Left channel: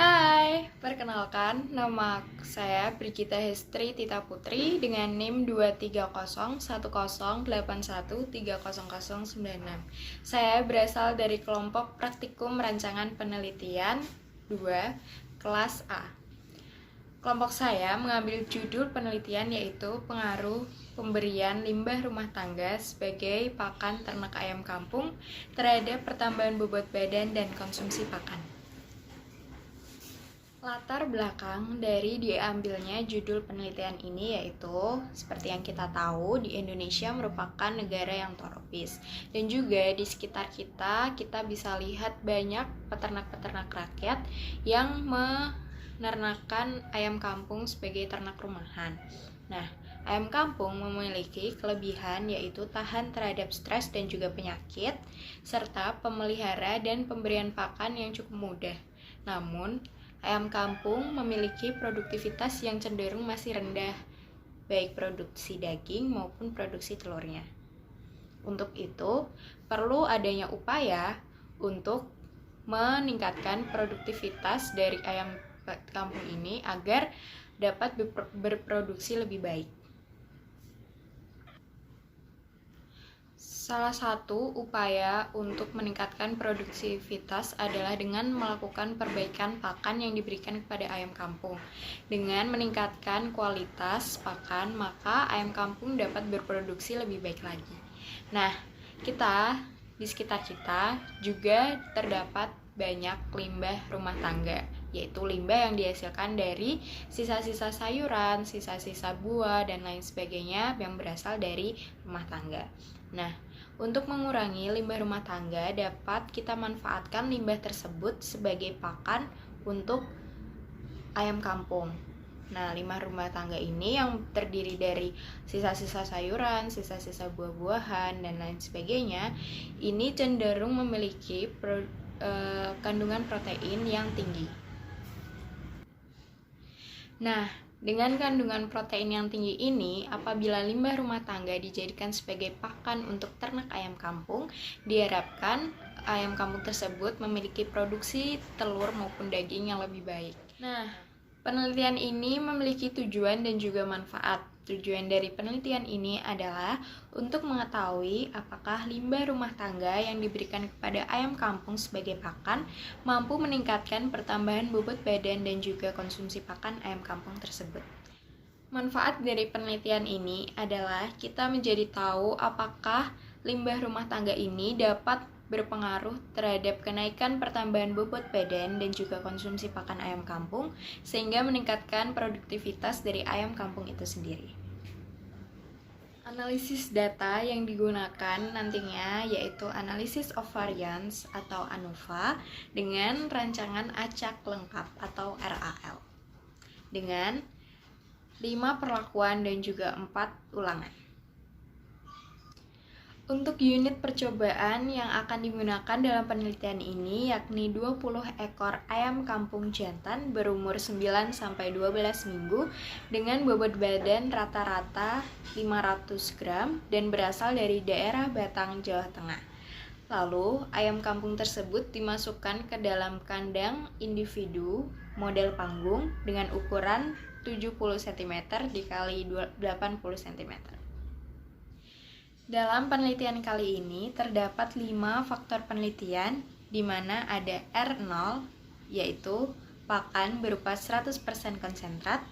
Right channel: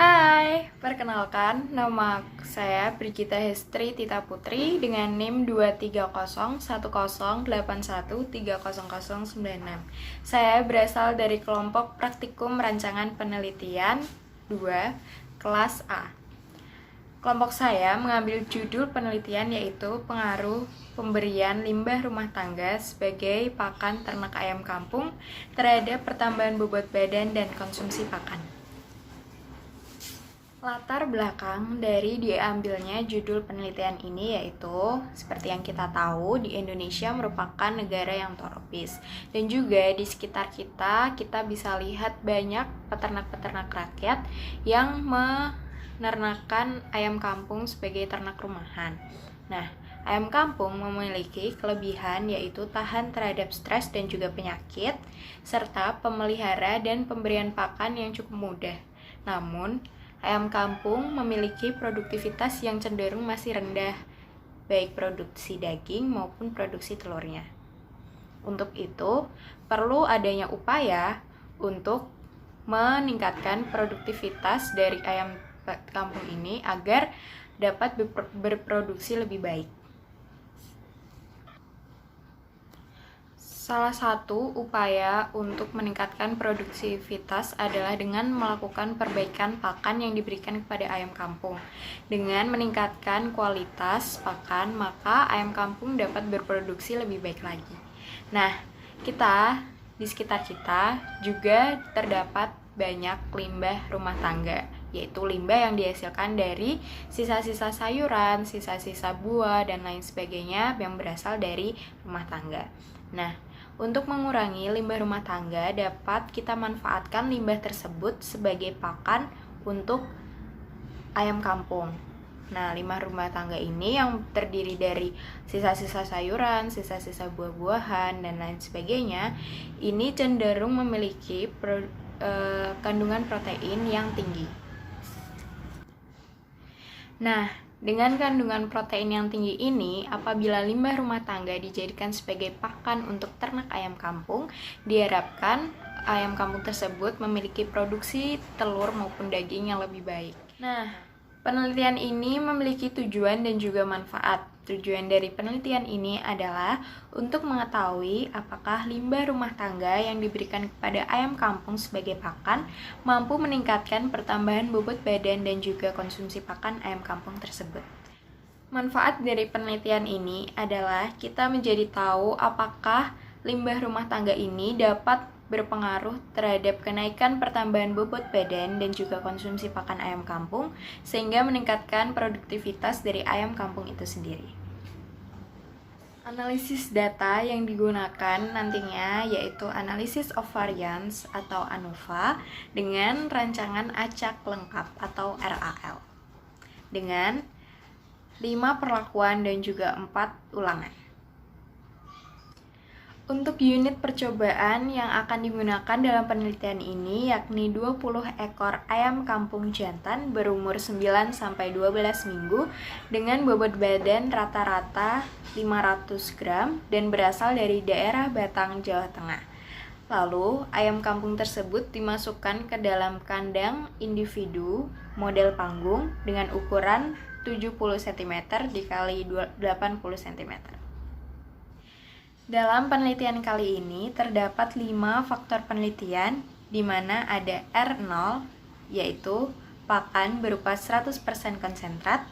Hai, perkenalkan nama saya Brigita Hestri Tita Putri dengan NIM 230108131300096. Saya berasal dari kelompok Praktikum Rancangan Penelitian 2, kelas A. Kelompok saya mengambil judul penelitian yaitu pengaruh pemberian limbah rumah tangga sebagai pakan ternak ayam kampung terhadap pertambahan bobot badan dan konsumsi pakan. Latar belakang dari diambilnya judul penelitian ini yaitu seperti yang kita tahu di Indonesia merupakan negara yang tropis dan juga di sekitar kita bisa lihat banyak peternak-peternak rakyat yang menernakan ayam kampung sebagai ternak rumahan. Nah, ayam kampung memiliki kelebihan yaitu tahan terhadap stres dan juga penyakit serta pemelihara dan pemberian pakan yang cukup mudah. Namun, ayam kampung memiliki produktivitas yang cenderung masih rendah, baik produksi daging maupun produksi telurnya. Untuk itu, perlu adanya upaya untuk meningkatkan produktivitas dari ayam kampung ini agar dapat berproduksi lebih baik. Salah satu upaya untuk meningkatkan produktivitas adalah dengan melakukan perbaikan pakan yang diberikan kepada ayam kampung. Dengan meningkatkan kualitas pakan, maka ayam kampung dapat berproduksi lebih baik lagi. Nah, di sekitar kita juga terdapat banyak limbah rumah tangga, yaitu limbah yang dihasilkan dari sisa-sisa sayuran, sisa-sisa buah, dan lain sebagainya yang berasal dari rumah tangga. Nah, untuk mengurangi limbah rumah tangga, dapat kita manfaatkan limbah tersebut sebagai pakan untuk ayam kampung. Nah, limbah rumah tangga ini yang terdiri dari sisa-sisa sayuran, sisa-sisa buah-buahan, dan lain sebagainya, ini cenderung memiliki kandungan protein yang tinggi. Nah, dengan kandungan protein yang tinggi ini, apabila limbah rumah tangga dijadikan sebagai pakan untuk ternak ayam kampung, diharapkan ayam kampung tersebut memiliki produksi telur maupun daging yang lebih baik. Nah, penelitian ini memiliki tujuan dan juga manfaat. Tujuan dari penelitian ini adalah untuk mengetahui apakah limbah rumah tangga yang diberikan kepada ayam kampung sebagai pakan mampu meningkatkan pertambahan bobot badan dan juga konsumsi pakan ayam kampung tersebut. Manfaat dari penelitian ini adalah kita menjadi tahu apakah limbah rumah tangga ini dapat berpengaruh terhadap kenaikan pertambahan bobot badan dan juga konsumsi pakan ayam kampung sehingga meningkatkan produktivitas dari ayam kampung itu sendiri. Analisis data yang digunakan nantinya yaitu Analysis of Variance atau ANOVA dengan rancangan acak lengkap atau RAL dengan 5 perlakuan dan juga 4 ulangan. Untuk unit percobaan yang akan digunakan dalam penelitian ini yakni 20 ekor ayam kampung jantan berumur 9-12 minggu dengan bobot badan rata-rata 500 gram dan berasal dari daerah Batang, Jawa Tengah. Lalu, ayam kampung tersebut dimasukkan ke dalam kandang individu model panggung dengan ukuran 70 cm dikali 80 cm. Dalam penelitian kali ini terdapat 5 faktor penelitian di mana ada R0 yaitu pakan berupa 100% konsentrat,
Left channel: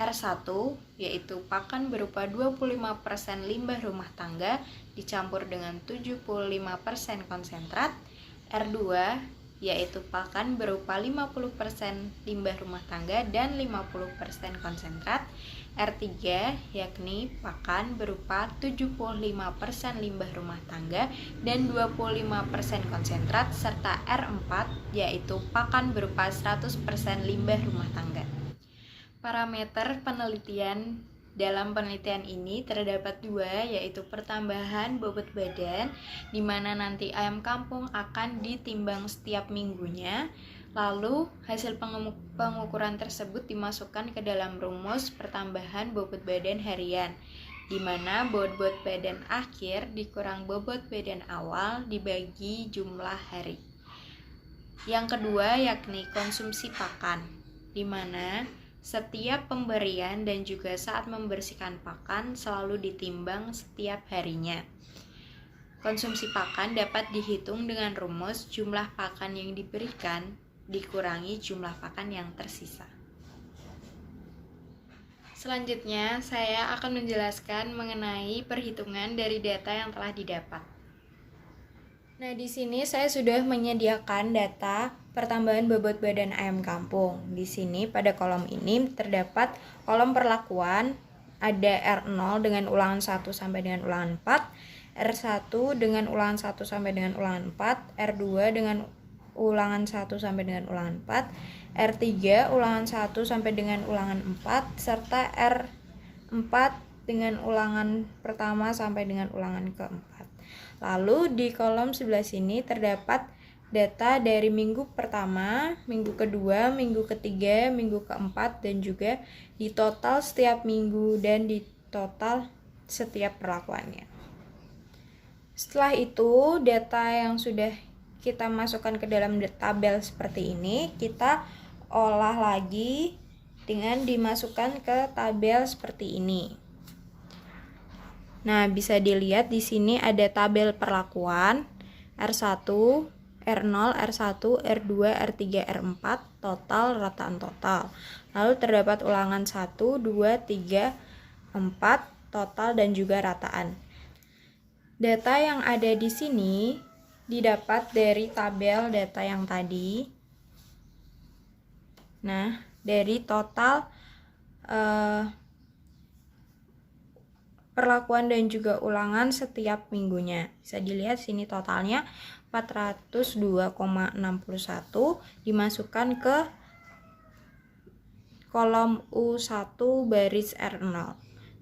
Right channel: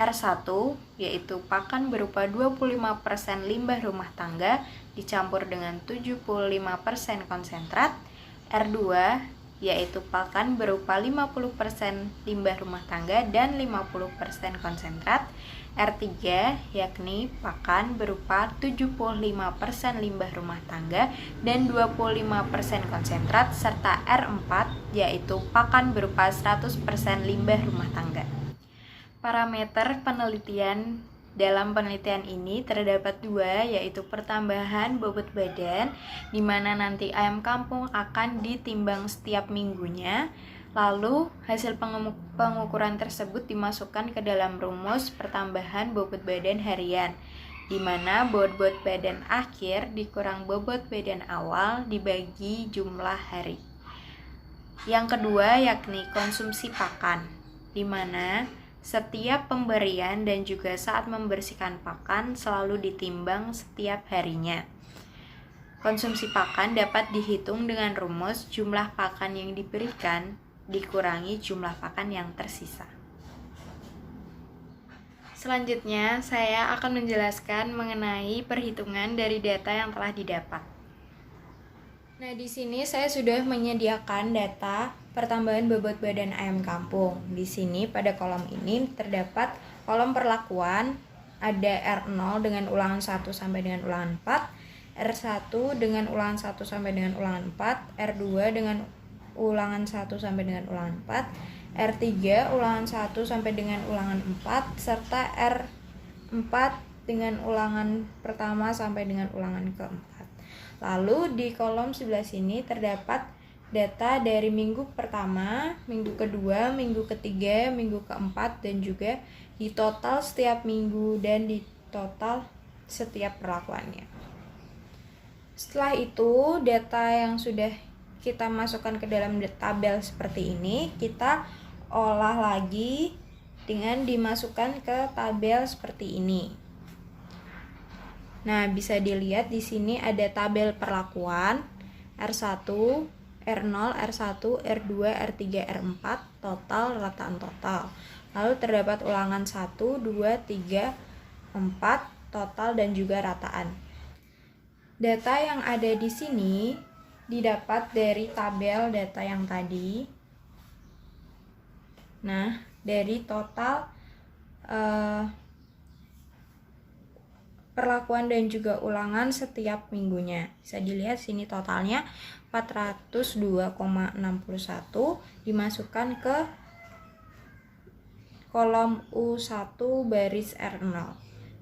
R1 yaitu pakan berupa 25% limbah rumah tangga dicampur dengan 75% konsentrat, R2 yaitu pakan berupa 50% limbah rumah tangga dan 50% konsentrat, R3 yakni pakan berupa 75% limbah rumah tangga dan 25% konsentrat, serta R4 yaitu pakan berupa 100% limbah rumah tangga. Parameter penelitian dalam penelitian ini terdapat 2 yaitu pertambahan bobot badan di mana nanti ayam kampung akan ditimbang setiap minggunya. Lalu, hasil pengukuran tersebut dimasukkan ke dalam rumus pertambahan bobot badan harian, di mana bobot badan akhir dikurang bobot badan awal dibagi jumlah hari. Yang kedua yakni konsumsi pakan, di mana setiap pemberian dan juga saat membersihkan pakan selalu ditimbang setiap harinya. Konsumsi pakan dapat dihitung dengan rumus jumlah pakan yang diberikan dikurangi jumlah pakan yang tersisa. Selanjutnya, saya akan menjelaskan mengenai perhitungan dari data yang telah didapat. Nah, di sini saya sudah menyediakan data pertambahan bobot badan ayam kampung. Di sini pada kolom ini terdapat kolom perlakuan, ada R0 dengan ulangan 1 sampai dengan ulangan 4, R1 dengan ulangan 1 sampai dengan ulangan 4, R2 dengan ulangan 1 sampai dengan ulangan 4, R3 ulangan 1 sampai dengan ulangan 4, serta R4 dengan ulangan pertama sampai dengan ulangan keempat. Lalu di kolom sebelah sini terdapat data dari minggu pertama, minggu kedua, minggu ketiga, minggu keempat, dan juga di total setiap minggu dan di total setiap perlakuannya. Setelah itu, data yang sudah kita masukkan ke dalam tabel seperti ini, kita olah lagi dengan dimasukkan ke tabel seperti ini. Nah, bisa dilihat di sini ada tabel perlakuan R1, R0, R1, R2, R3, R4, total, rataan total. Lalu terdapat ulangan 1, 2, 3, 4, total, dan juga rataan. Data yang ada di sini didapat dari tabel data yang tadi. Nah, dari total perlakuan dan juga ulangan setiap minggunya. Bisa dilihat sini totalnya 402,61 dimasukkan ke kolom U1 baris R0.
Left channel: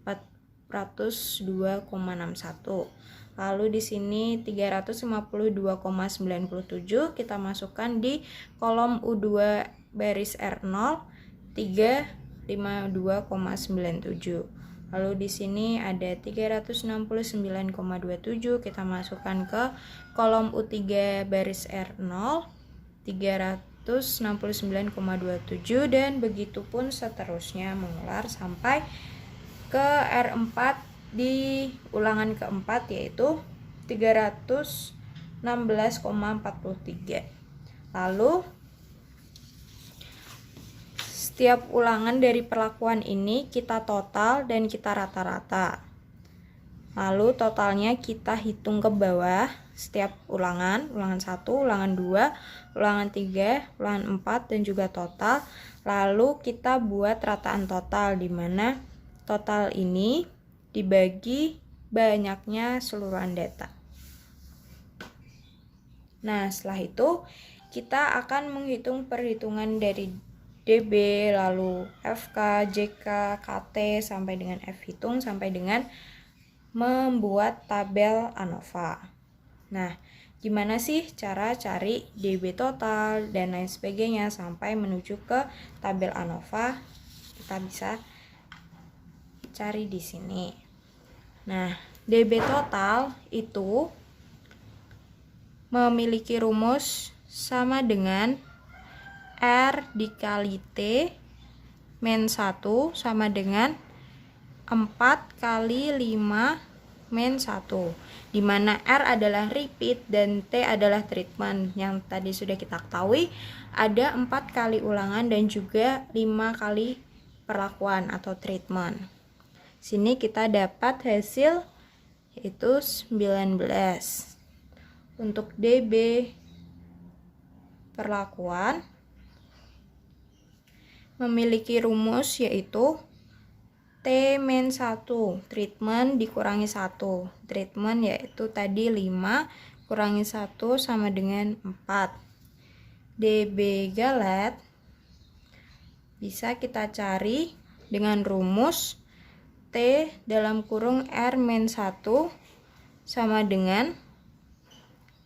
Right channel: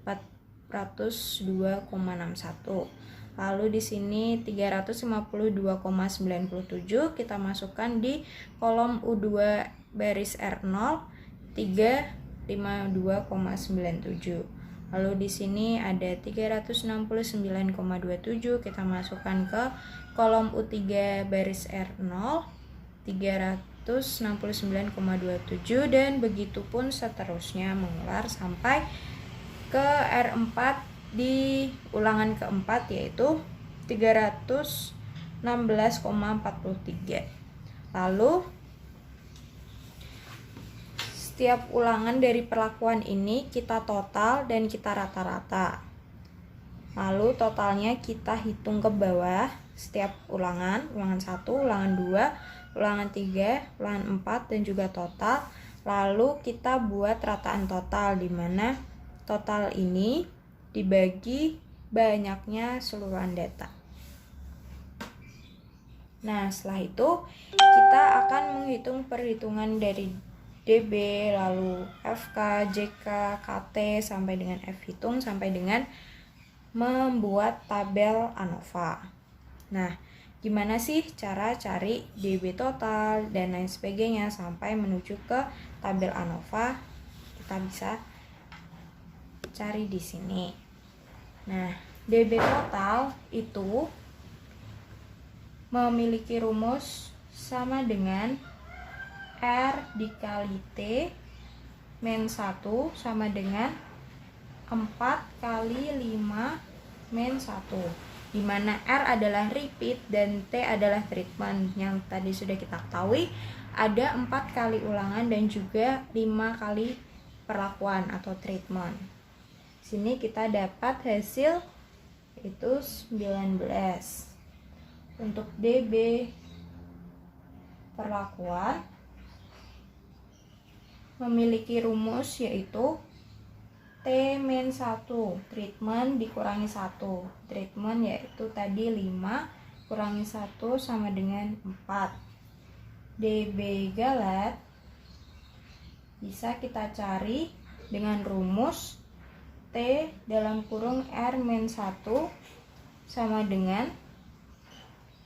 402,61. Lalu di sini 352,97 kita masukkan di kolom U2 baris R0 352,97. Lalu di sini ada 369,27 kita masukkan ke kolom U3 baris R0 369,27, dan begitu pun seterusnya mengular sampai ke R4 di ulangan keempat, yaitu 316,43. Lalu setiap ulangan dari perlakuan ini kita total dan kita rata-rata. Lalu totalnya kita hitung ke bawah setiap ulangan, ulangan 1, ulangan 2, ulangan 3, ulangan 4, dan juga total. Lalu kita buat rataan total, di mana total ini dibagi banyaknya seluruhan data. Nah, setelah itu kita akan menghitung perhitungan dari DB, lalu FK, JK, KT, sampai dengan F hitung, sampai dengan membuat tabel ANOVA. Nah, gimana sih cara cari DB total dan lain sebagainya sampai menuju ke tabel ANOVA? Kita bisa cari di sini. Nah, DB total itu memiliki rumus sama dengan R dikali T min 1 sama dengan 4 kali 5 min 1, di mana R adalah repeat dan T adalah treatment. Yang tadi sudah kita ketahui ada 4 kali ulangan dan juga 5 kali perlakuan atau treatment. Sini kita dapat hasil yaitu 19. Untuk DB perlakuan memiliki rumus yaitu T-1 treatment dikurangi 1. Treatment yaitu tadi 5 kurangi 1 sama dengan 4. DB galet bisa kita cari dengan rumus T dalam kurung R-1 sama dengan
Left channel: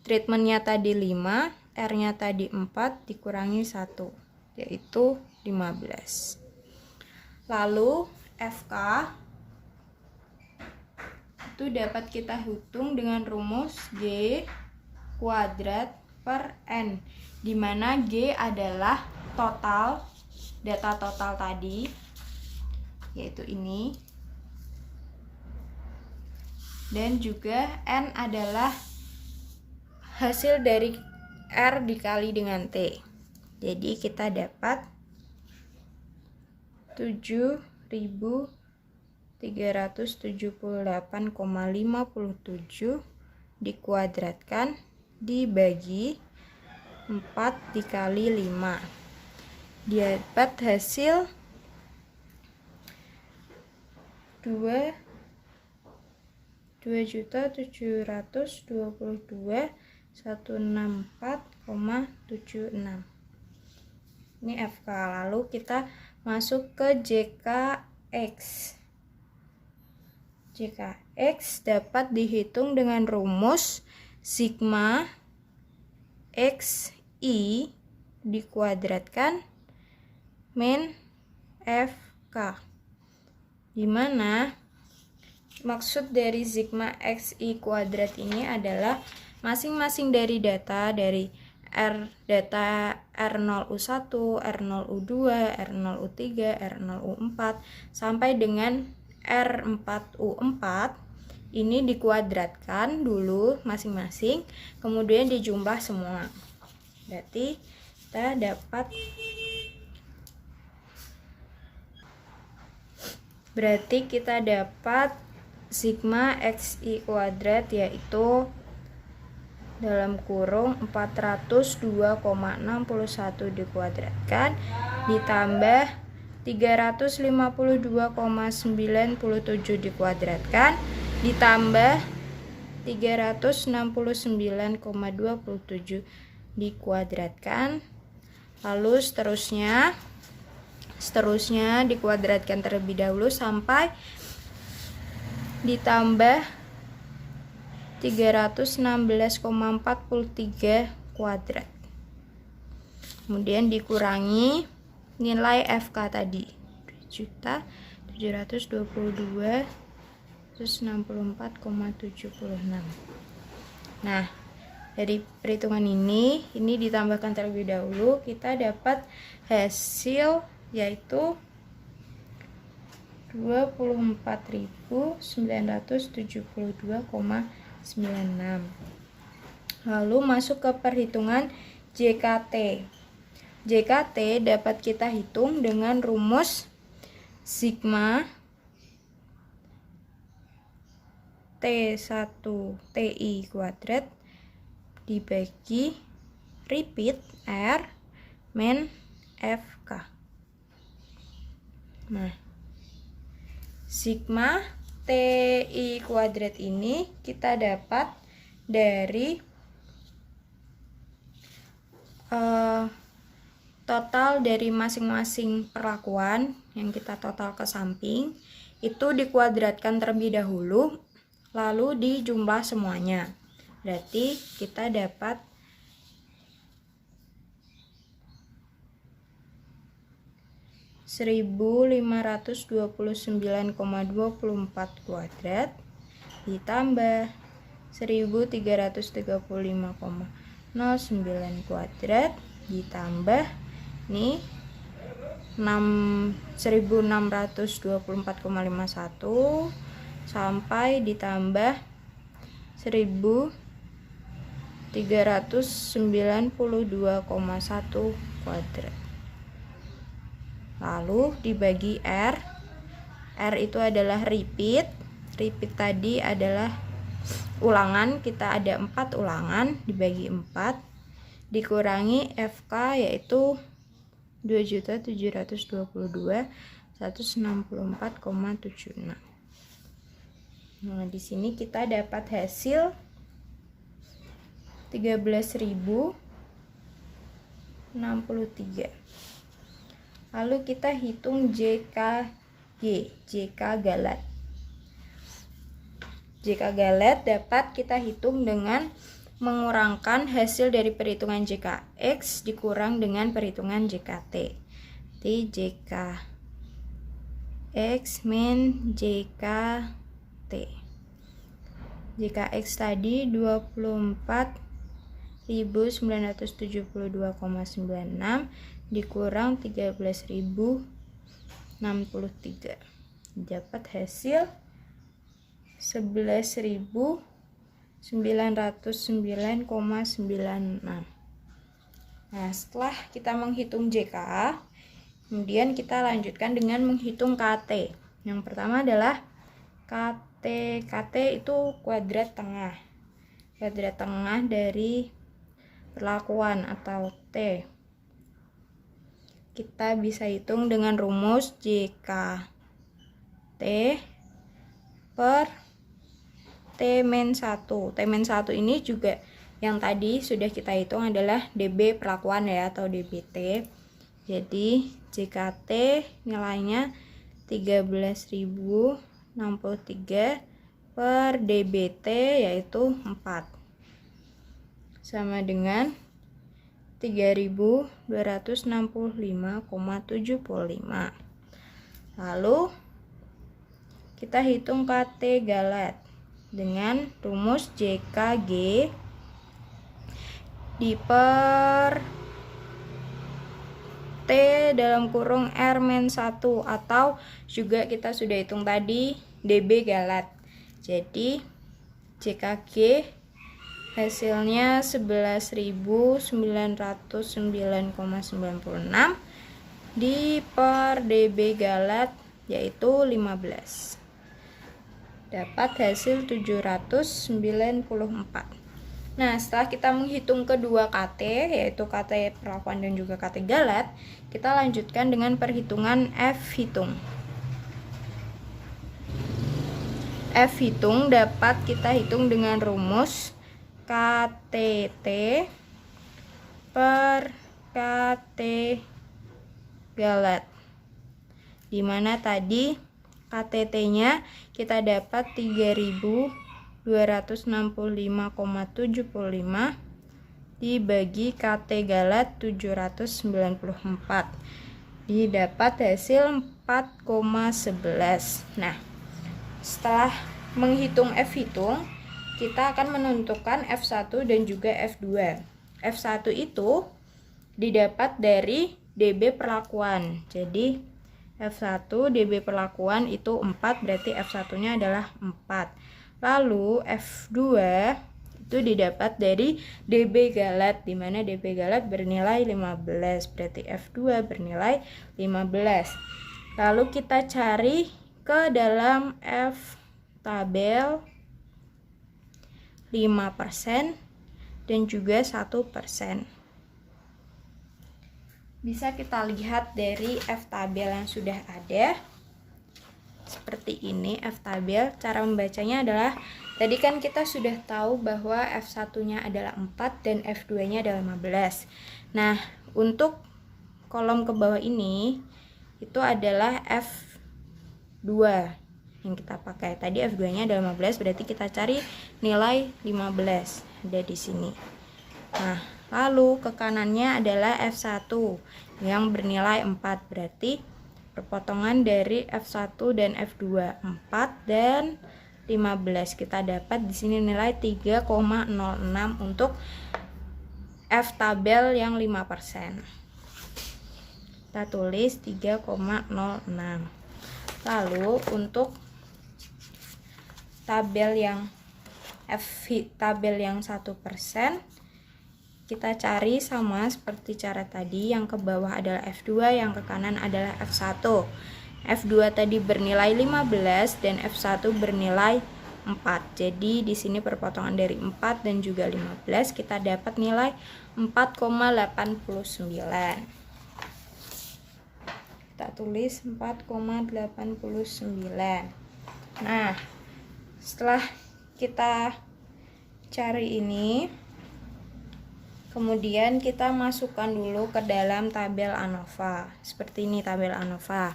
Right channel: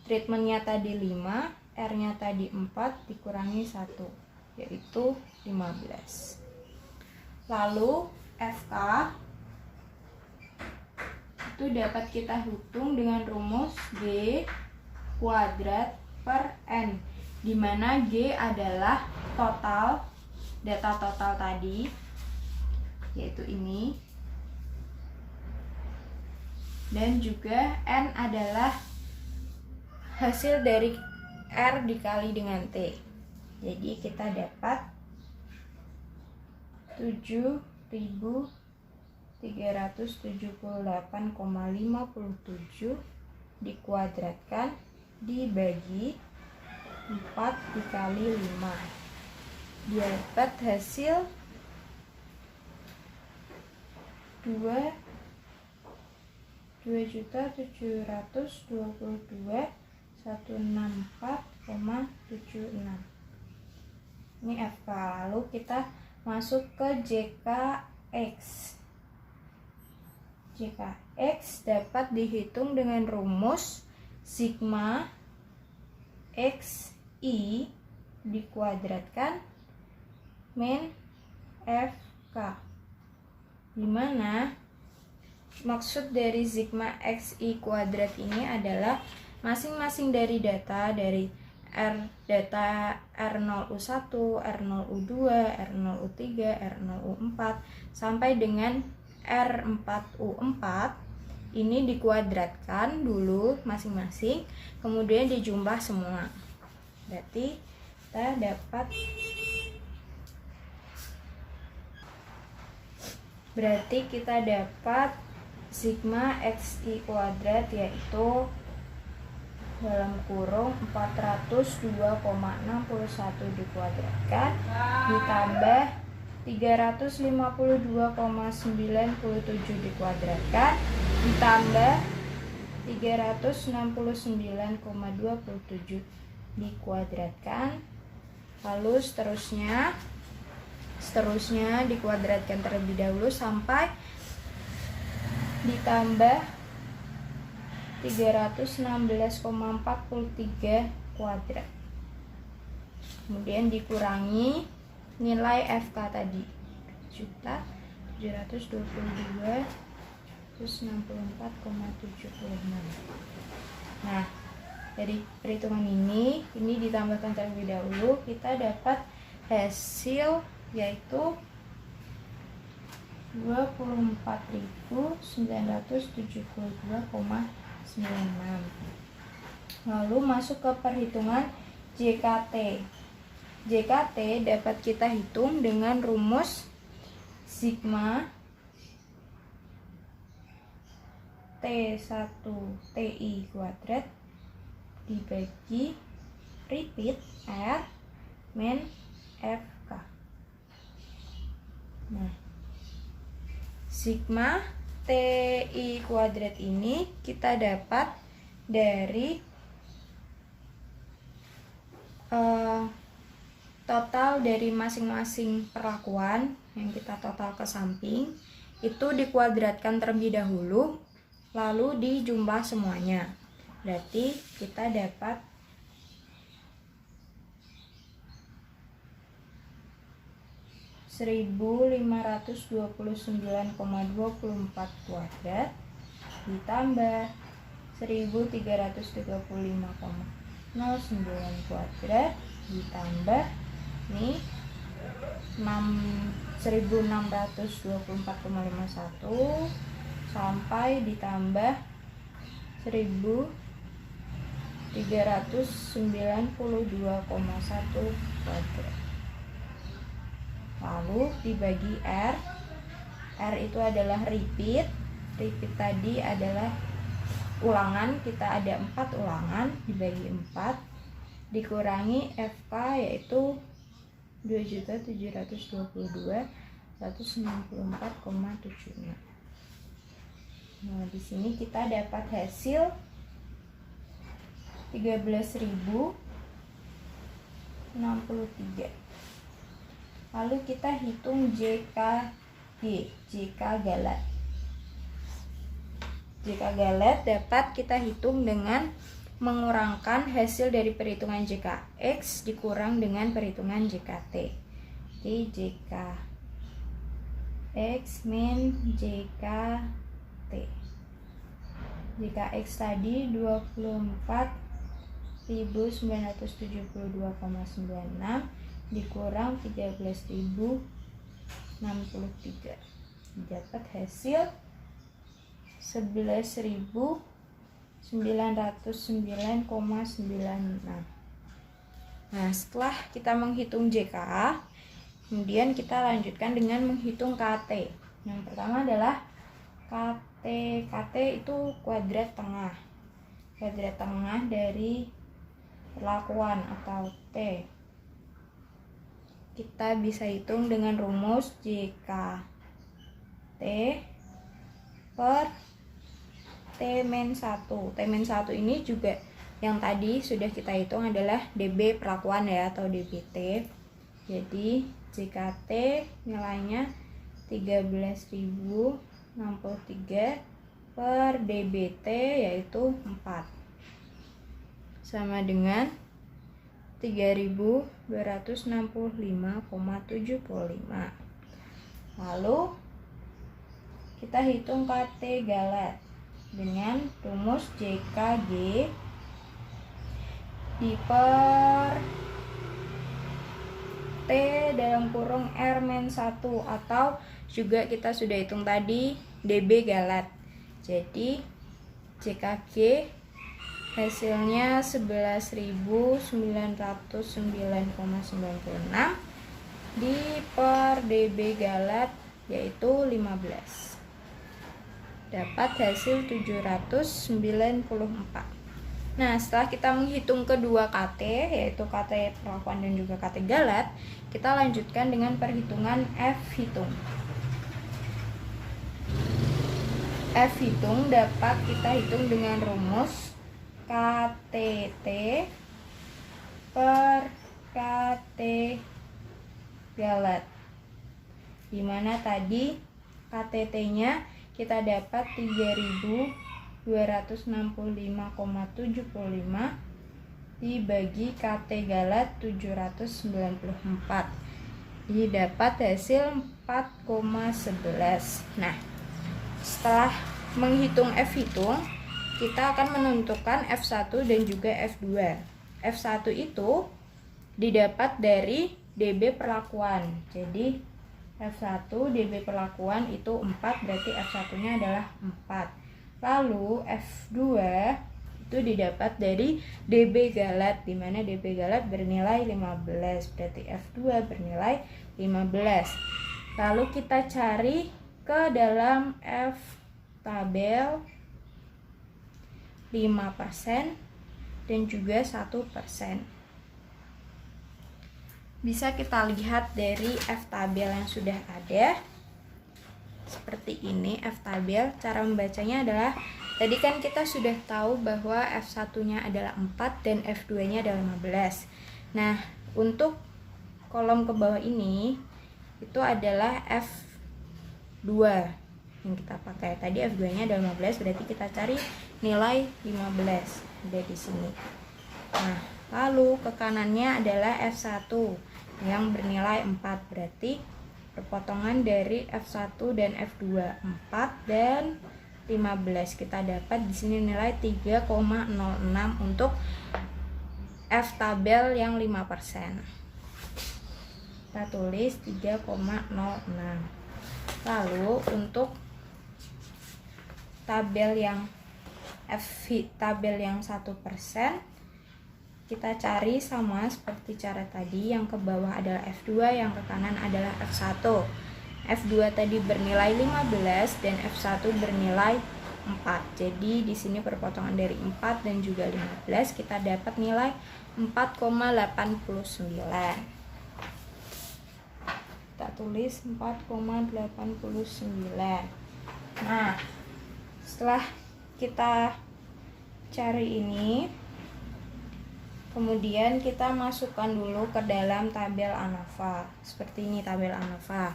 treatmentnya tadi 5, R-nya tadi 4 dikurangi 1, yaitu 15. Lalu FK itu dapat kita hitung dengan rumus G kuadrat per N, di mana G adalah total, data total tadi, yaitu ini, dan juga N adalah hasil dari R dikali dengan T. Jadi kita dapat 7.378,57 dikuadratkan dibagi 4 dikali 5. Dapat hasil 2.722.164,76. Ini FK. Lalu kita masuk ke JKX. JKX dapat dihitung dengan rumus sigma XI dikuadratkan min FK, di mana maksud dari sigma XI kuadrat ini adalah masing-masing dari data dari data R0U1, R0U2, R0U3, R0U4 sampai dengan R4U4 ini dikuadratkan dulu masing-masing, kemudian dijumlah semua. Berarti kita dapat sigma XI kuadrat yaitu dalam kurung 402,61 dikuadratkan ditambah 352,97 dikuadratkan ditambah 369,27 dikuadratkan, lalu seterusnya dikuadratkan terlebih dahulu sampai ditambah 316,43 kuadrat, kemudian dikurangi nilai FK tadi 7.722.164,76. Nah, dari perhitungan ini ditambahkan terlebih dahulu, kita dapat hasil yaitu 24.972,96. Lalu masuk ke perhitungan JKT. JKT dapat kita hitung dengan rumus sigma T1 TI kuadrat dibagi repeat R min FK. Nah, sigma TI kuadrat ini kita dapat dari total dari masing-masing perlakuan yang kita total ke samping itu dikuadratkan terlebih dahulu, lalu dijumlah semuanya. Berarti kita dapat 1.529,24 kuadrat ditambah 1.335,09 kuadrat ditambah nih 1.624,51 sampai ditambah 1.392,1 kuadrat. Lalu dibagi R. R itu adalah repeat. Repeat tadi adalah ulangan, kita ada 4 ulangan dibagi 4 dikurangi FK yaitu 2.722.164,76. Nah, di sini kita dapat hasil 13.063. Lalu kita hitung JKG, JK galat. JK galat dapat kita hitung dengan mengurangkan hasil dari perhitungan JKX dikurang dengan perhitungan JKT. Jadi JKX min JKT. JKX tadi 24.529,24 11.972,96 dikurang 13.063. Dapat hasil 11.909,96. Nah, setelah kita menghitung JK, kemudian kita lanjutkan dengan menghitung KT. Yang pertama adalah KT. KT itu kuadrat tengah. Kuadrat tengah dari perlakuan atau T. Kita bisa hitung dengan rumus JK T per T-1. T-1 ini juga yang tadi sudah kita hitung adalah DB perlakuan ya, atau DBT. Jadi JKT nilainya 13.063 per DBT yaitu 4, sama dengan 3.265,75. Lalu kita hitung KT galat dengan rumus JKG diper T dalam kurung R-1, atau juga kita sudah hitung tadi DB galat. Jadi JKG hasilnya 11.909,96 di per DB galat yaitu 15. Dapat hasil 794. Nah, setelah kita menghitung kedua KT, yaitu KT perlakuan dan juga KT galat, kita lanjutkan dengan perhitungan F hitung. F hitung dapat kita hitung dengan rumus KTT per KT galat, dimana tadi KTT-nya kita dapat 3.265,75 dibagi KT galat 794, didapat hasil 4,11. Nah, setelah menghitung F hitung, kita akan menentukan F1 dan juga F2. F1 itu didapat dari DB perlakuan. Jadi F1 DB perlakuan itu 4, berarti F1-nya adalah 4. Lalu F2 itu didapat dari DB galat, di mana DB galat bernilai 15, berarti F2 bernilai 15. Lalu kita cari ke dalam F tabel 5% dan juga 1%. Bisa kita lihat dari F tabel yang sudah ada. Seperti ini F tabel. Cara membacanya adalah, tadi kan kita sudah tahu bahwa F1-nya adalah 4 dan F2-nya adalah 15. Nah, untuk kolom ke bawah ini itu adalah F2 yang kita pakai. Tadi F2-nya adalah 15, berarti kita cari nilai 15. Ada di sini. Nah, lalu ke kanannya adalah F1 yang bernilai 4, berarti perpotongan dari F1 dan F2 4 dan 15. Kita dapat di sini nilai 3,06 untuk F tabel yang 5%. Kita tulis 3,06. Lalu untuk tabel yang tabel yang 1%, kita cari sama seperti cara tadi. Yang ke bawah adalah F2, yang ke kanan adalah F1. F2 tadi bernilai 15 dan F1 bernilai 4. Jadi di sini perpotongan dari 4 dan juga 15, kita dapat nilai 4,89. Kita tulis 4,89. Nah, setelah kita cari ini, kemudian kita masukkan dulu ke dalam tabel ANOVA. Seperti ini tabel ANOVA,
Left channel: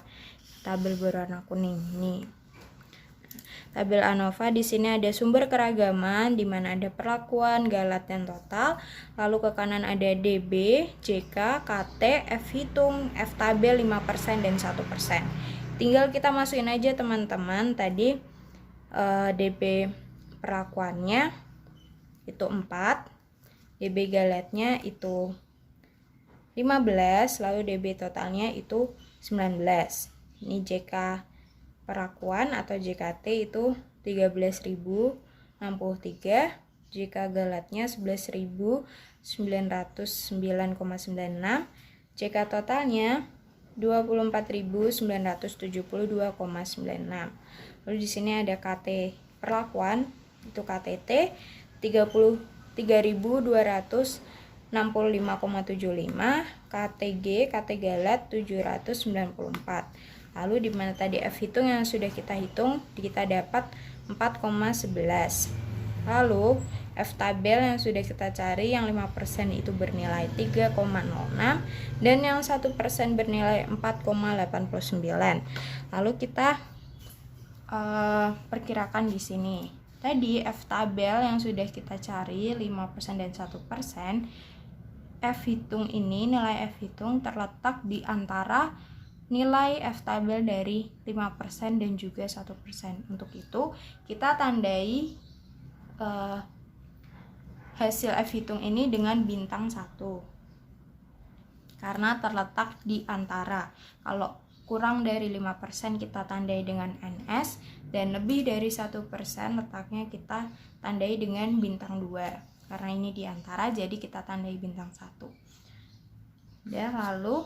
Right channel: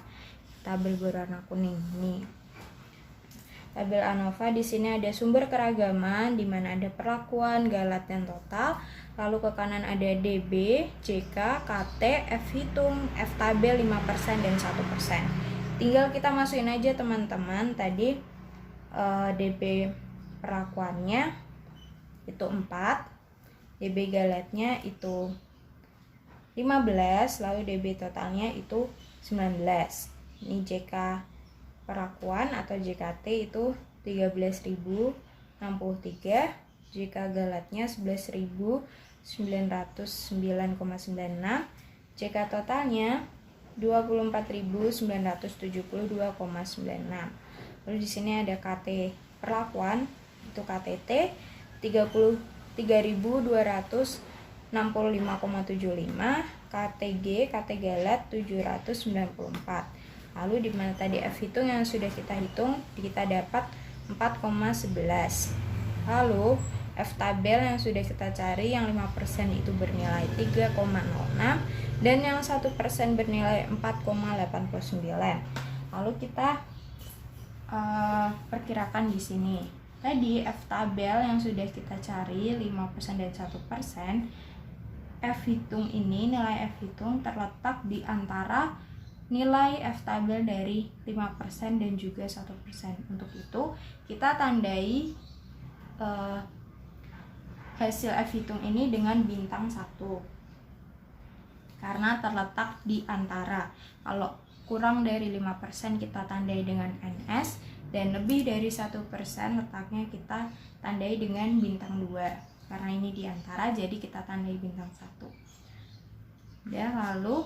tabel berwarna kuning ini. Tabel ANOVA di sini ada sumber keragaman, di mana ada perlakuan, galat, dan total. Lalu ke kanan ada DB, JK, KT, F hitung, F tabel 5% dan 1%. Tinggal kita masukin aja teman-teman tadi DB perlakuannya itu 4, DB galetnya itu 15, lalu DB totalnya itu 19. Ini JK perlakuan atau JKT itu 13.063, JK galetnya 11.909,96, JK totalnya 24.972,96. Lalu di sini ada KT perlakuan itu KTT 33.265,75, KTG KT galet 794. Lalu di mana tadi F hitung yang sudah kita hitung, kita dapat 4,11. Lalu F tabel yang sudah kita cari yang 5% itu bernilai 3,06 dan yang 1% bernilai 4,89. Lalu kita perkirakan di sini. Tadi F tabel yang sudah kita cari 5% dan 1%, F hitung ini, nilai F hitung terletak di antara nilai F tabel dari 5% dan juga 1%. Untuk itu kita tandai hasil F hitung ini dengan bintang 1 karena terletak di antara. Kalau kurang dari 5% kita tandai dengan NS, dan lebih dari 1% letaknya kita tandai dengan bintang 2. Karena ini di antara, jadi kita tandai bintang 1. Ya, lalu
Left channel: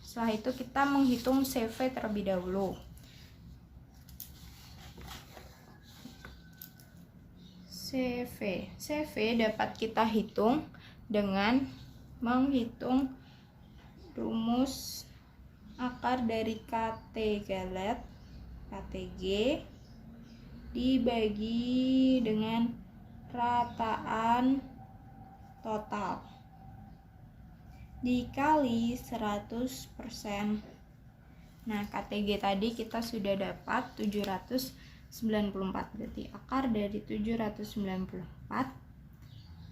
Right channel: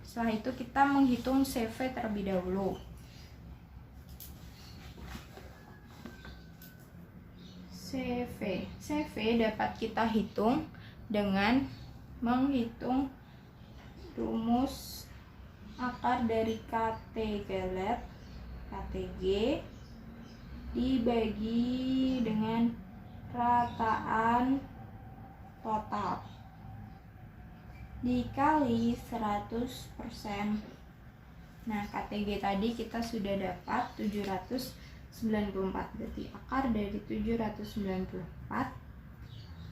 setelah itu kita menghitung CV terlebih dahulu. CV dapat kita hitung dengan menghitung rumus akar dari KT galet KTG dibagi dengan rataan total dikali 100%. Nah, KTG tadi kita sudah dapat 794, berarti akar dari 794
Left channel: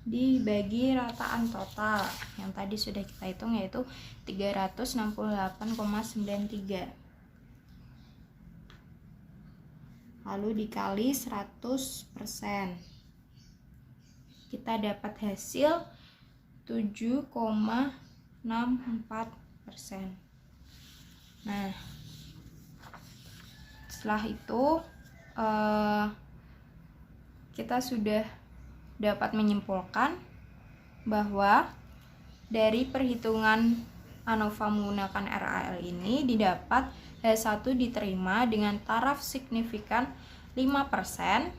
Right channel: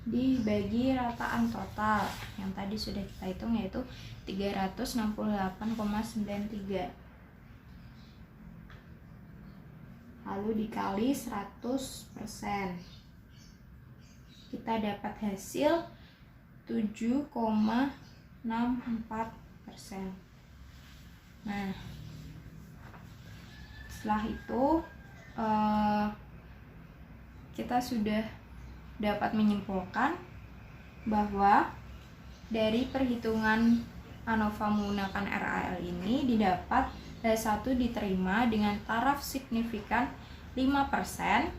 dibagi rataan total yang tadi sudah kita hitung yaitu 368,93, lalu dikali 100%, kita dapat hasil 7,64%. Nah, setelah itu kita sudah dapat menyimpulkan bahwa dari perhitungan ANOVA menggunakan RAL ini didapat H1 diterima dengan taraf signifikan 5%,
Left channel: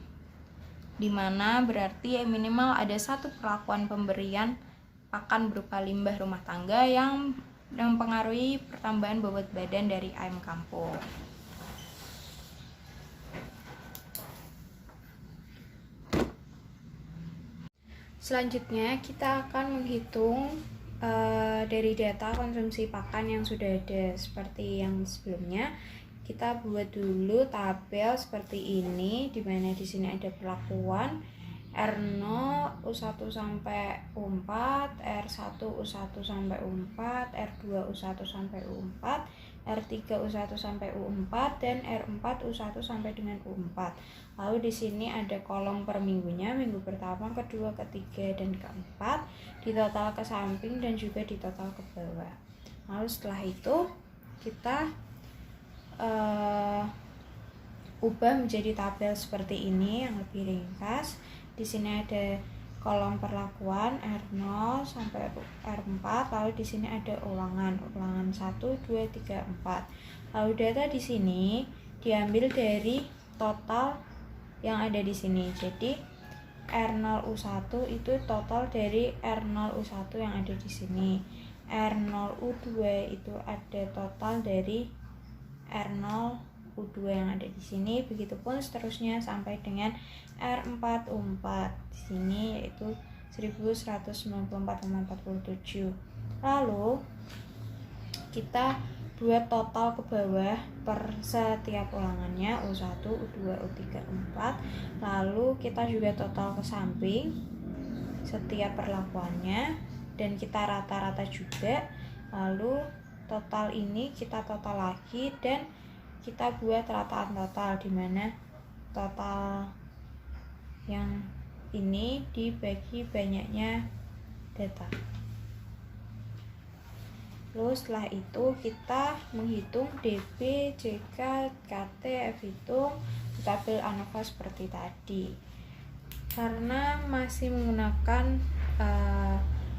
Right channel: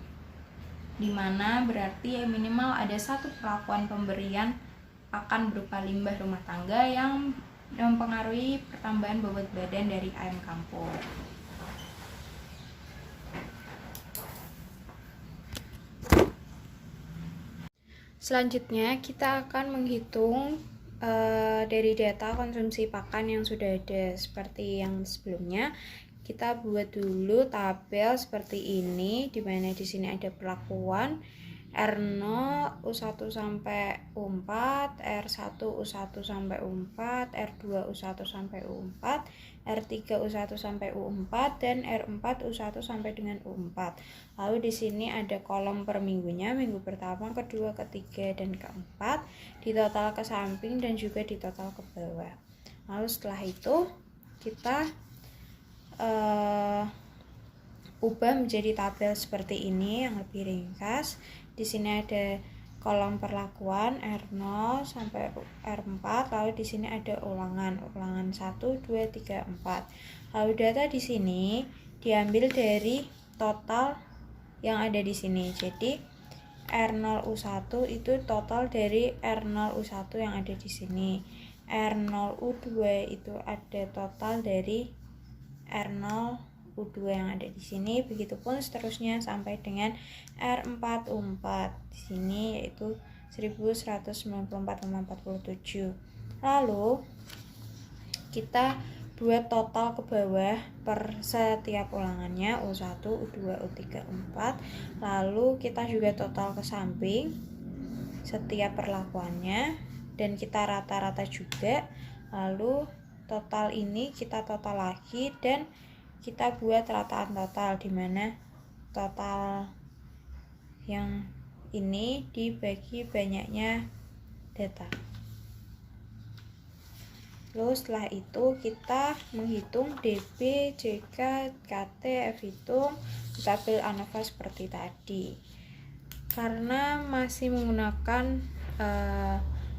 di mana berarti minimal ada satu perlakuan pemberian pakan berupa limbah rumah tangga yang mempengaruhi pertambahan bobot badan dari ayam kampung. Selanjutnya kita akan menghitung dari data konsumsi pakan yang sudah ada seperti yang sebelumnya. Kita buat dulu tabel seperti ini, di mana di sini ada perlakuan R0 U1 sampai U4, R1 U1 sampai U4, R2 U1 sampai U4, R3 U1 sampai U4, dan R4 U1 sampai dengan U4. Lalu di sini ada kolom per minggunya, minggu pertama, kedua, ketiga, dan keempat, di total ke samping dan juga di total ke bawah. Lalu setelah itu kita ubah menjadi tabel seperti ini yang lebih ringkas. Di sini ada kolom perlakuan R0 sampai R4, lalu di sini ada ulangan 1, 2, 3, 4. Lalu data di sini diambil dari total yang ada di sini. Jadi R0U1 itu total dari R0U1 yang ada di sini. R0U2 itu ada total dari R0U2 yang ada di sini. Begitupun seterusnya sampai dengan R4U4 di sini yaitu 1194,47. Lalu kita buat total ke bawah per setiap ulangannya U1, U2, U3, U4. Lalu kita juga total ke samping setiap perlakuannya dan kita rata-rata juga. Lalu total ini kita total lagi dan kita buat rataan total, di mana total yang ini dibagi banyaknya data. Lalu setelah itu kita menghitung DB, JK, KT, F hitung, kita ambil ANOVA seperti tadi. Karena masih menggunakan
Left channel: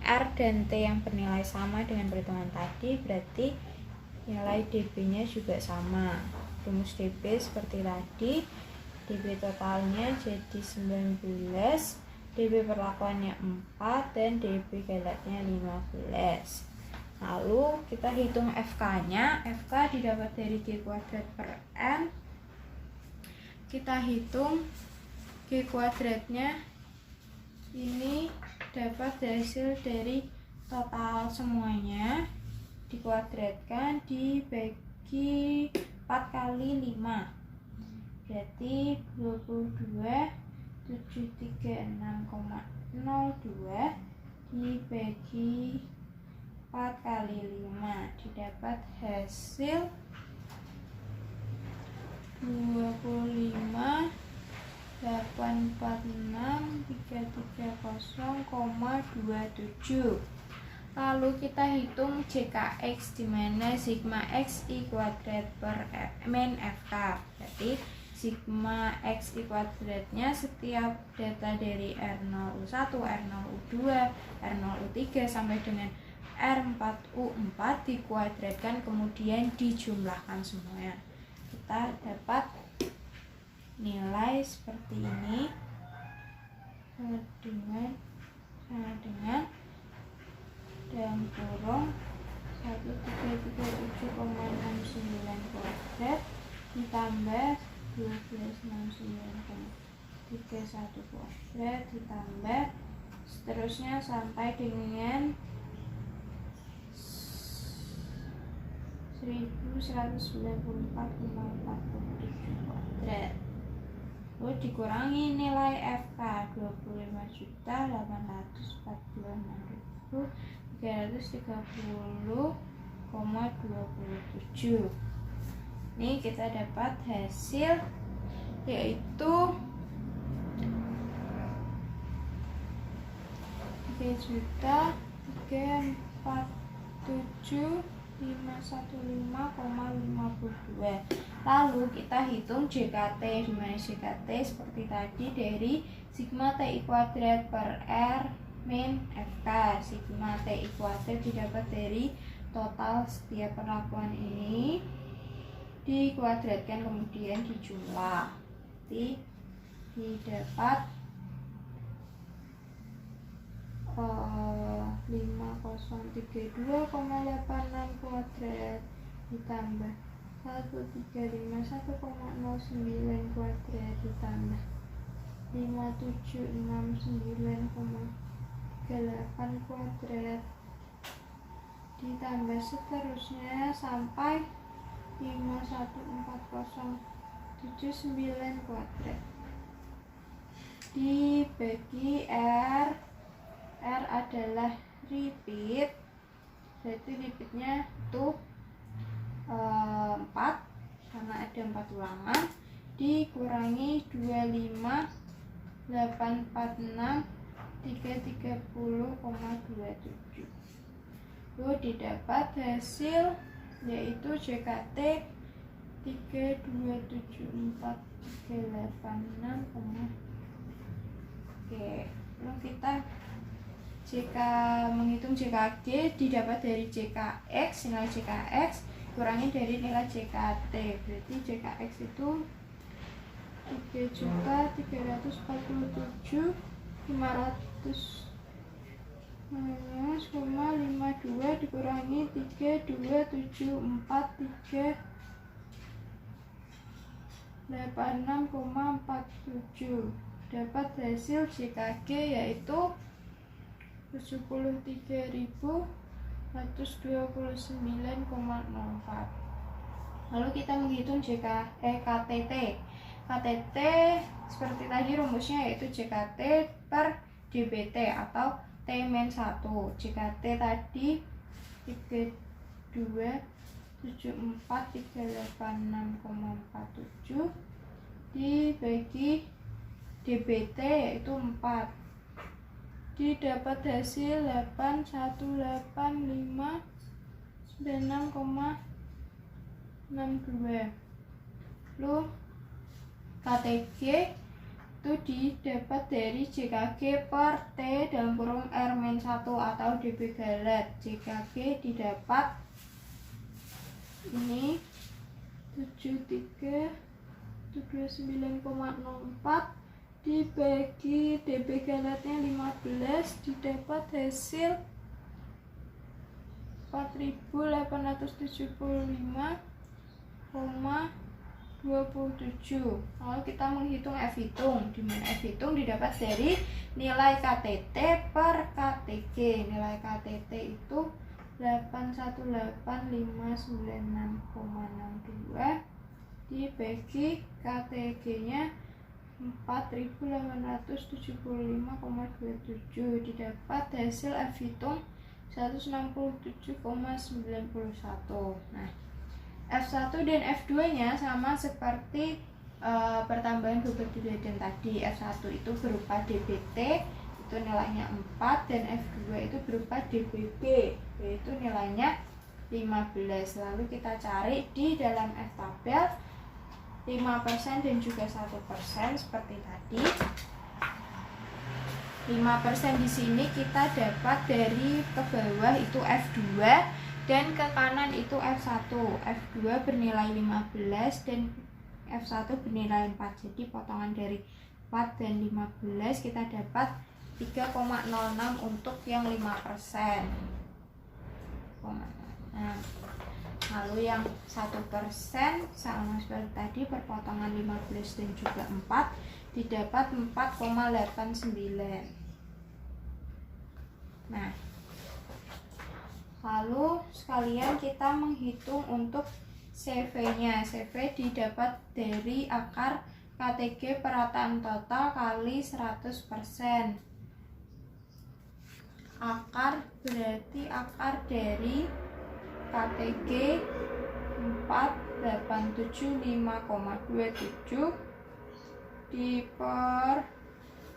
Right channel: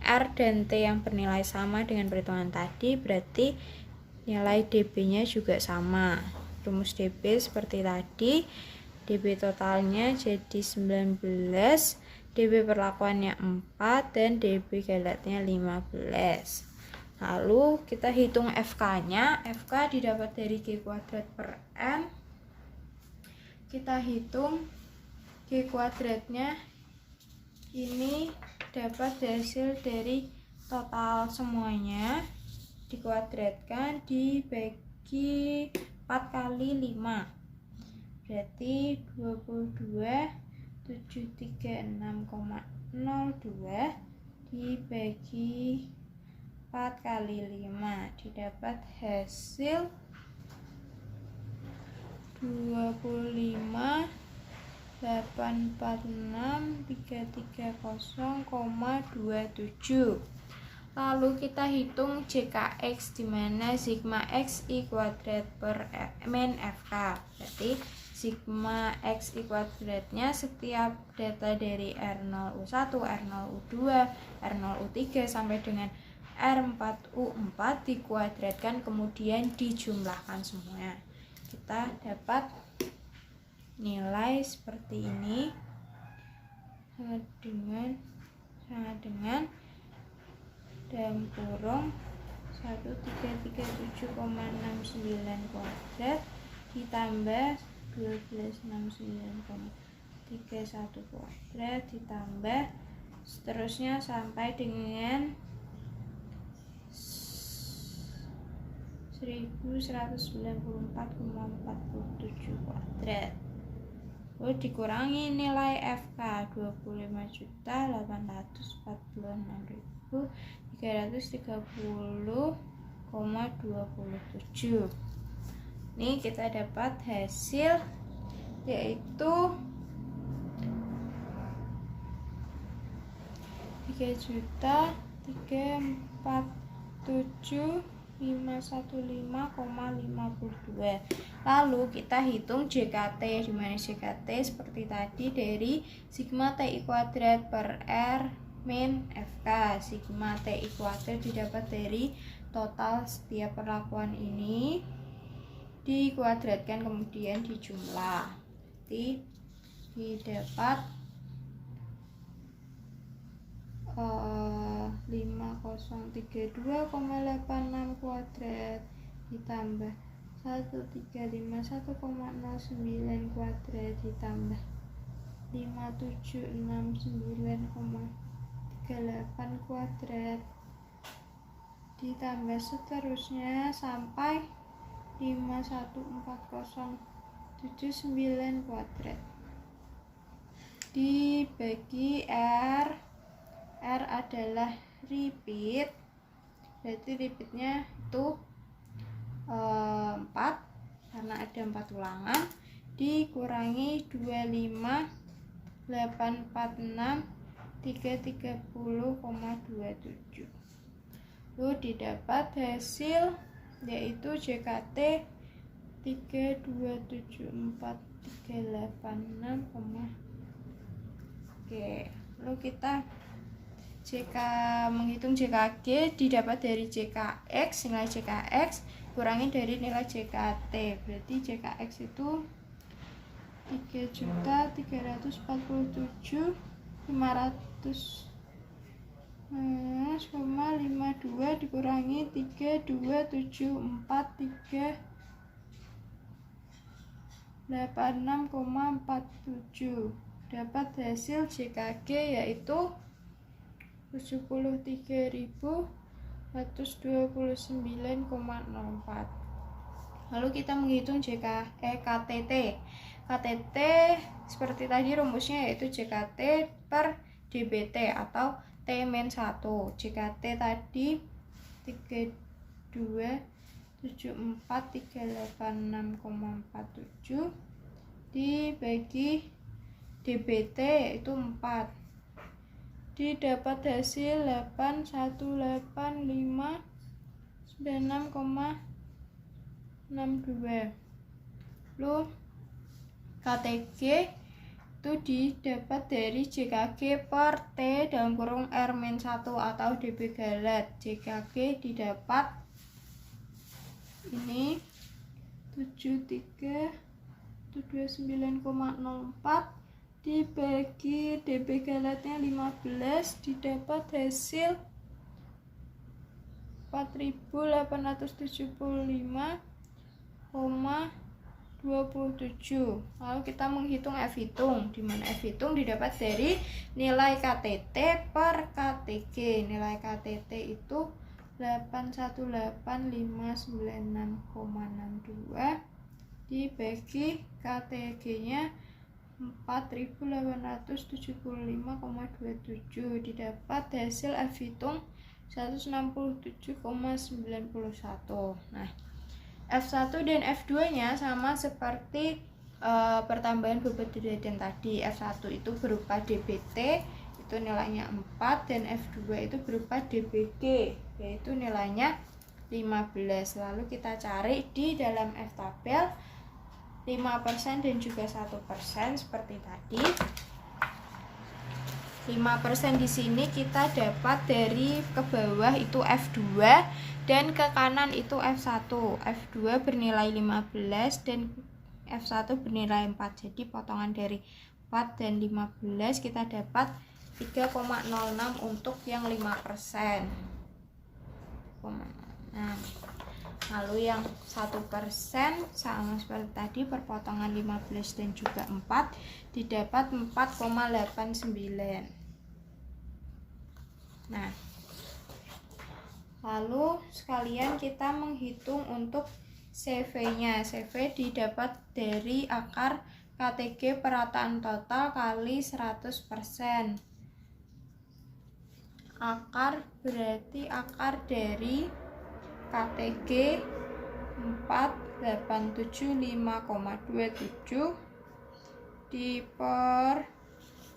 R dan T yang bernilai sama dengan perhitungan tadi, berarti nilai DB-nya juga sama. Rumus DB seperti tadi, DB totalnya jadi 19, DB perlakuannya 4, dan DB galatnya 15. Lalu kita hitung FK-nya. FK didapat dari G kuadrat per N. Kita hitung G kuadratnya ini dapat hasil dari total semuanya dikuadratkan dibagi 4 kali 5, berarti 22.736,02 dibagi 4 kali 5 didapat hasil 25.846.330,27. Lalu kita hitung JKX, di mana sigma X I kuadrat per min FK. Berarti sigma X I kuadratnya setiap data dari R0U1, R0U2, R0U3 sampai dengan R4U4 dikuadratkan kemudian dijumlahkan semuanya. Kita dapat nilai seperti ini dengan dalam kurung 1337,69 kuadrat ditambah 1269,31 kuadrat ditambah seterusnya sampai dengan 1194,47 kuadrat. Lalu dikurangi nilai FK 25.846.330,27. Ini kita dapat hasil yaitu 3.347.515,52. Lalu kita hitung JKT, di mana JKT seperti tadi dari sigma TI kuadrat per R min FK. Sigma TI kuadrat didapat dari total setiap perlakuan ini dikuadratkan kemudian dijumlah. Jadi didapat 5032,86 kuadrat ditambah 1351,09 kuadrat ditambah 5769,38 kuadrat ditambah seterusnya sampai 514079 kuadrat dibagi R adalah repeat, berarti repeatnya itu 4 karena ada 4 ulangan, dikurangi 25.846.330,27. Lalu didapat hasil yaitu JKT 3274386. Oke, lalu kita menghitung JKG didapat dari JKX, nilai JKX kurangi dari nilai JKT, berarti JKX itu 3.341.500,52 dikurangi 32.436,47 dapat hasil JKG yaitu 73.129,04. Lalu kita menghitung KTT. KTT seperti tadi rumusnya yaitu JKT per DBT atau T-1. JKT tadi 32.7438,47 dibagi DBT yaitu 4. didapat hasil 8185 dan 6,62. Lalu KTG itu didapat dari JKG per T dalam kurung R-1 atau dB galet. JKG didapat ini 29,04 dibagi dB galetnya 15 didapat hasil 4875,27. Lalu kita menghitung F hitung, di mana F hitung didapat dari nilai KTT per KTG. Nilai KTT itu 818596,62 dibagi KTG-nya 4875,27 didapat hasil F hitung 167,91. Nah, F1 dan F2 nya sama seperti pertambahan bobot deterjen tadi. F1 itu berupa dBT, itu nilainya 4, dan F2 itu berupa dBG, yaitu nilainya 15. Lalu kita cari di dalam F tabel 5% dan juga 1% seperti tadi. 5% di sini kita dapat dari ke bawah itu F2 dan ke kanan itu F1. F2 bernilai 15 dan F1 bernilai 4. Jadi potongan dari 4 dan 15 kita dapat 3,06 untuk yang 5%. Nah, lalu yang 1% sama seperti tadi, perpotongan 15 dan juga 4 didapat 4,89. Nah, lalu sekalian kita menghitung untuk CV-nya. CV didapat dari akar KTG perataan total kali 100%. Akar berarti akar dari KTG 4875,27 di per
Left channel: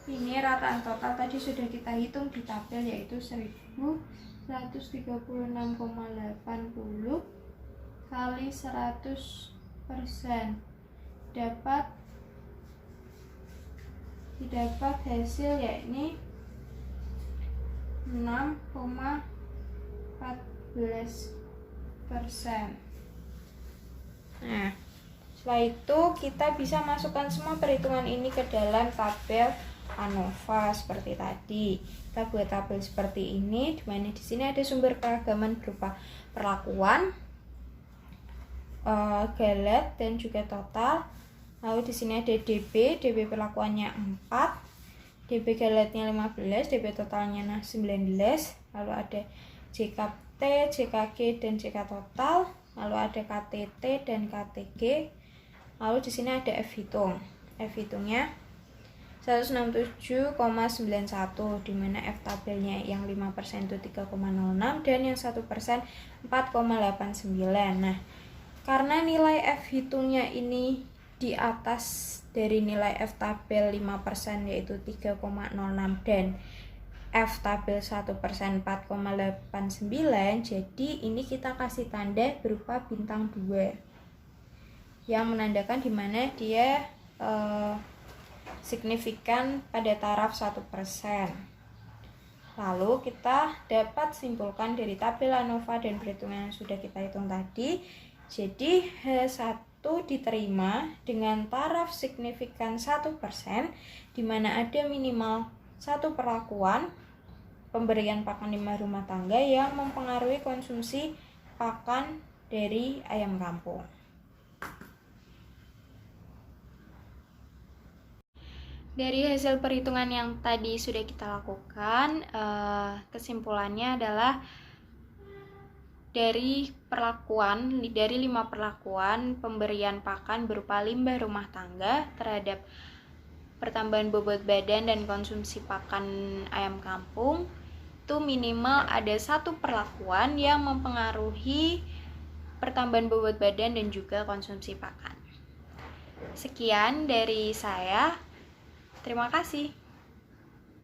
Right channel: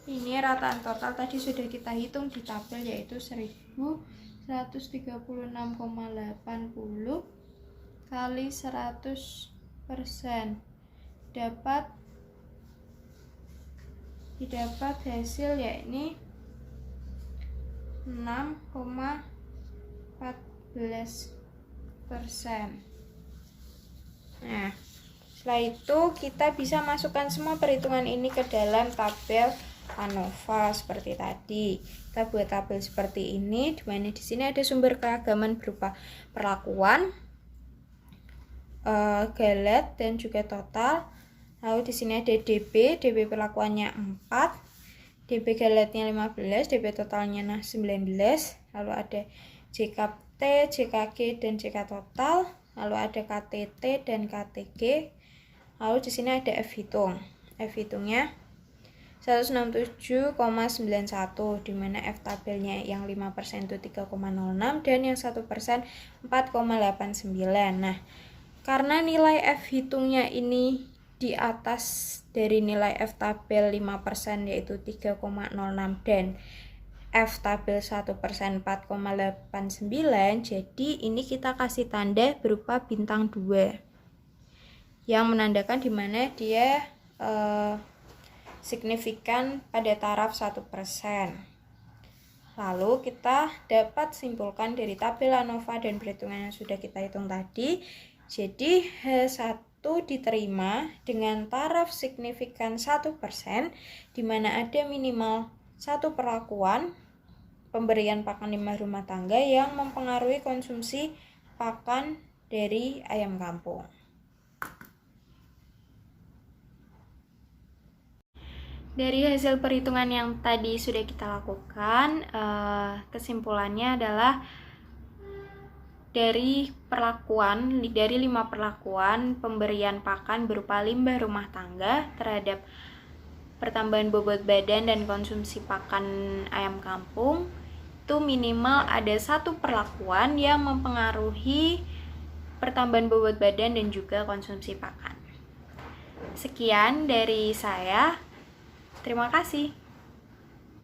ini rataan total tadi sudah kita hitung di tabel, yaitu 1136,80 kali 100% didapat hasil yakni 6,14%. Nah, setelah itu kita bisa masukkan semua perhitungan ini ke dalam tabel ANOVA seperti tadi. Kita buat tabel seperti ini, di mana di sini ada sumber keragaman berupa perlakuan, galet dan juga total. Lalu di sini ada DB perlakuannya 4, DB galetnya 15, DB totalnya 19. Lalu ada JKT, JKG dan JK total. Lalu ada KTT dan KTG. Lalu di sini ada F hitung. F hitungnya 167,91, di mana F tabelnya yang 5% itu 3,06 dan yang 1% 4,89. Nah, karena nilai F hitungnya ini di atas dari nilai F tabel 5% yaitu 3,06 dan F tabel 1% 4,89, jadi ini kita kasih tanda berupa bintang 2 yang menandakan di mana dia signifikan pada taraf 1%. Lalu kita dapat simpulkan dari tabel ANOVA dan perhitungan yang sudah kita hitung tadi. Jadi H1 diterima dengan taraf signifikan 1%, di mana ada minimal 1 perlakuan pemberian pakan limbah rumah tangga yang mempengaruhi konsumsi pakan dari ayam kampung. Dari hasil perhitungan yang tadi sudah kita lakukan, kesimpulannya adalah dari 5 perlakuan pemberian pakan berupa limbah rumah tangga terhadap pertambahan bobot badan dan konsumsi pakan ayam kampung, itu minimal ada 1 perlakuan yang mempengaruhi pertambahan bobot badan dan juga konsumsi pakan. Sekian dari saya. Terima kasih.